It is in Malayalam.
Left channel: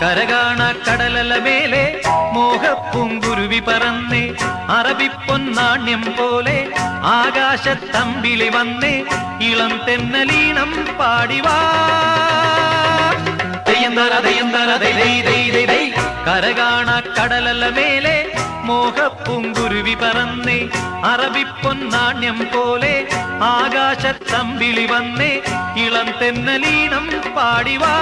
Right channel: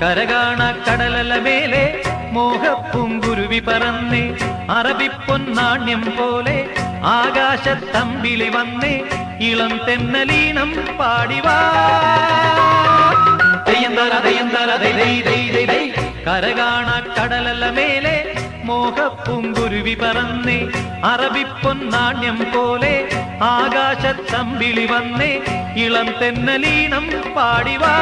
കരകാണ കടലല മേലെ മോഹപ്പൂങ്കുരുവി പറന്നേ അറബിപ്പൊന്നാണ്യം പോലെ ആകാശത്തമ്പിളി വന്നേ ഇളം തെന്നലീണം പാടിവാ കരകാണ കടലല മേലെ മോഹപ്പൂങ്കുരുവി പറന്നേ അറബിപ്പൊന്നാണ്യം പോലെ ആകാശത്തമ്പിളി വന്നേ ഇളം തെന്നലീണം പാടിവാ.